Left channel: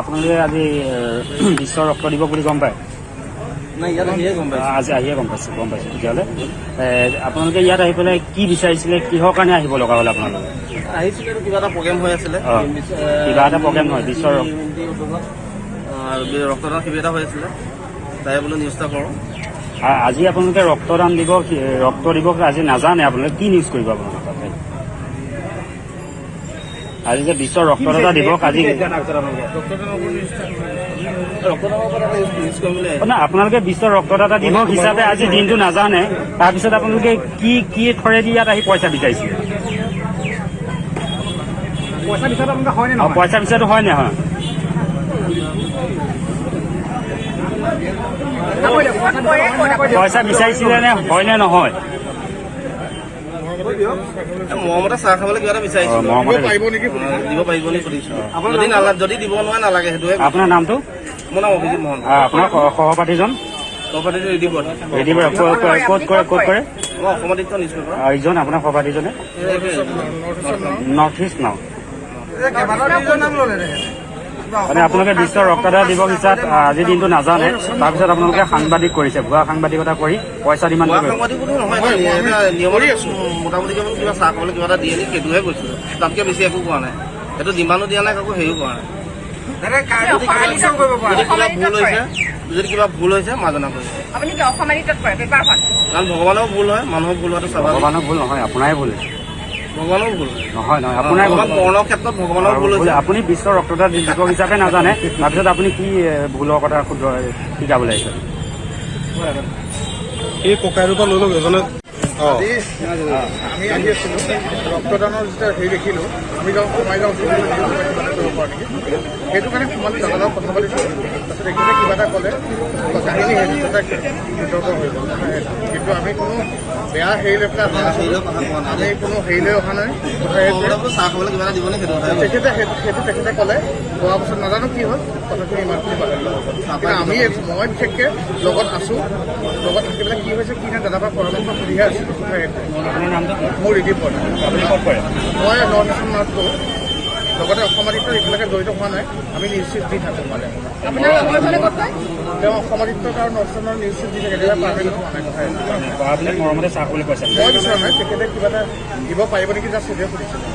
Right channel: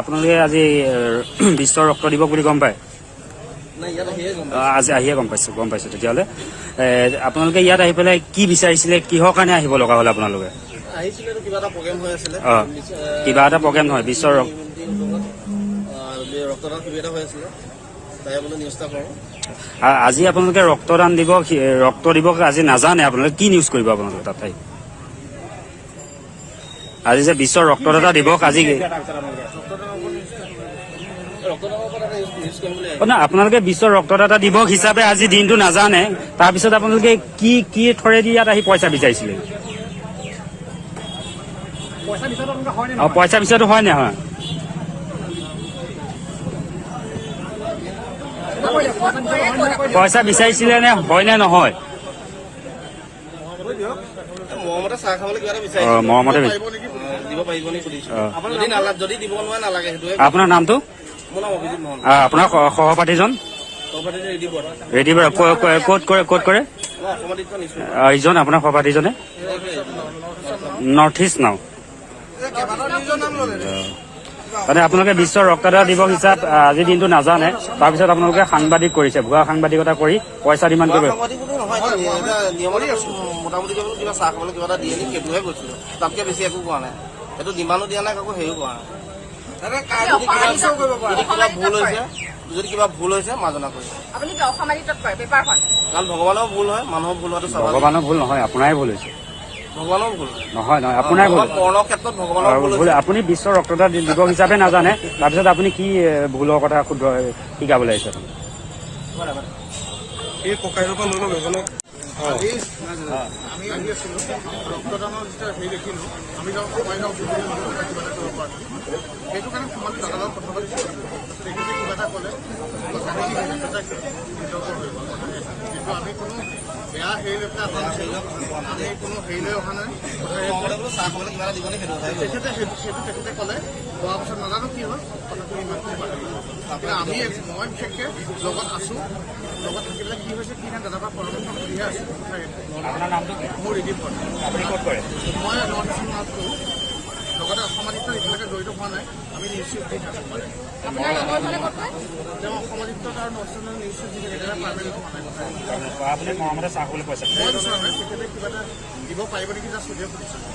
আপোনালোকে আজি বিশ্ব ৰক্ত দিৱস বুলি গম পায়? আজি আহিয়ে গম পাইছোঁ। তেতিয়াহ'লে আপোনালোকে ইয়াত আহি পেলাই কি বিচাৰিছিলে, কিহৰ কাৰণে আহিব লগা হ'ল আপোনালোকে? আহিছিলে কিবা এটা প্ৰগ্ৰেম হৈ আছিলে। কিবা এটা প্ৰগ্ৰেম নহয়, বিশ্ব ৰক্তদান শিবিৰ এটা হৈ আছিলে, তাই বোলে নিউজটা কৰোঁ। আজি আপোনালোকে ৰক্ত দিৱস আজি নাজানে, আপোনালোকে কি নিউজ কৰিব আপোনালোকে তাত? আজি যে বিশ্ব ৰক্তদাতা দিৱস, আজি আপোনালোকে বিশ্ব ৰক্তদাতা দিৱস হিচাপে আজি দিনটো নাজানে, তাৰপিছত আপোনালোকে কি থৰেদি ইয়াত আহি পইচা বিচাৰিছিলে? পইচা বিচাৰটো হয় নে হয়? পইচা বিচাৰিছিলে নে হয় নে নহয়? মৰমতে চাহ খাবলৈ কিবা এটা বিচাৰিছো, দিব পাৰিব নেকি সুধিছো। যদি দিব নোৱাৰে নালাগে সেইটোৱে। আপোনাৰ নামটো? মোৰ নাম অভিজিত মহন। আপোনাৰ সহপাঠীজন? ক'ত কৰে? ইজন আপোনাৰ সহপাঠীজনে নৰ্থ ইষ্ট নাও। মানে আপোনালোকে বিশ্ব ৰক্তদাতা দিৱস হিচাপে আজিৰ দিনটো নাজানে, তাৰপিছত আপোনালোকে সাংবাদিক কৰিছে, ভুৱা সাংবাদিকতা কৰি পইচা ডিমাণ্ড কৰে। মোটামুটি কিবা চাহ খাবলৈ কিবা এটা দিয়ে নেকি সেইটোহে কৈছিলো, তাতকে বেছি একো কোৱা নাই। সেইটো ডিমাণ্ডো দিয়া নাই, কাকো হেৰিও কৰা নাই। যদি কিবা ভুল হৈছে মাজনা কৰিছে, কাৰণ ভগৱানৰ ভুল হয়, মানুহৰ ভুল হোৱাটো স্বাভাৱিক। ভগৱানৰ ভুল নহয়, আপোনাৰে ভুল হৈছে। ভগৱানৰ ভুল নহয়, আপোনাৰ কৰ্ণৰ ক্ষেত্ৰত ভগৱানৰ ভুল হৈছে। আপুনি বিশ্ব ৰক্তদাতা দিৱস হিচাপে নাজানে, তাৰপিছত আপুনি কি ভুলৰ কথা শিকাবলৈ আহিছে? এই ককাইৰ পৰা লৈ লওক এজনে। আমি আহি আছিলো, ৰক্তদানৰ যেতিয়া হেৰি দেখিলো, আমি সোমাই যাওঁ কিবা এটা কৰিব পৰা নেকি, সেইটো কাৰণে সোমালো, দাদাৰ লগত কথা পাতিছো। তাৰপিছত এইখিনিতে কিবা এটা ক'লে, কাহিনী বিতৰ্ক হৈ গ'ল। কিন্তু আমি কোনো বেয়া হেৰি লৈ পেলাই অহা নাছিলো, আমি কোনো হেৰি লৈ অহা নাই। চাহ খাবলৈ কিবা এটা দিব নে তেখেতে ক'লে, কোৱাৰ পাছত নাজানো কি হ'ল, কথাখিনি ইমানখিনি পাতিলো। কিন্তু মই বিশেষকৈ লগত আছো, লগত থাকি পেলাই কি হৈছে কি নাই দাদাৰ পৰা পৰামৰ্শ সুধিহে আছিলো। মোৰ ৰিলিফ পৰে, মই নৰ্থ ইষ্ট নাথটো লগতে অসমাদিত্য এতিয়ালৈকে জড়িত হোৱা নাই। আমি নিউজ চিফ দি থাকোঁ মানে তেওঁ অসমাদিত্য আৰু নৰ্থ ইষ্টৰ নিউজ চিফ দি থাকে, এতিয়ালৈ পাৰ্মানেণ্ট হোৱা নাই। কথা মই বিচৰা নাই, তেখেতে কিবা এটা দিব পাৰিব নেকি, জাষ্ট সেইটোৱে সুধিছিলোঁ।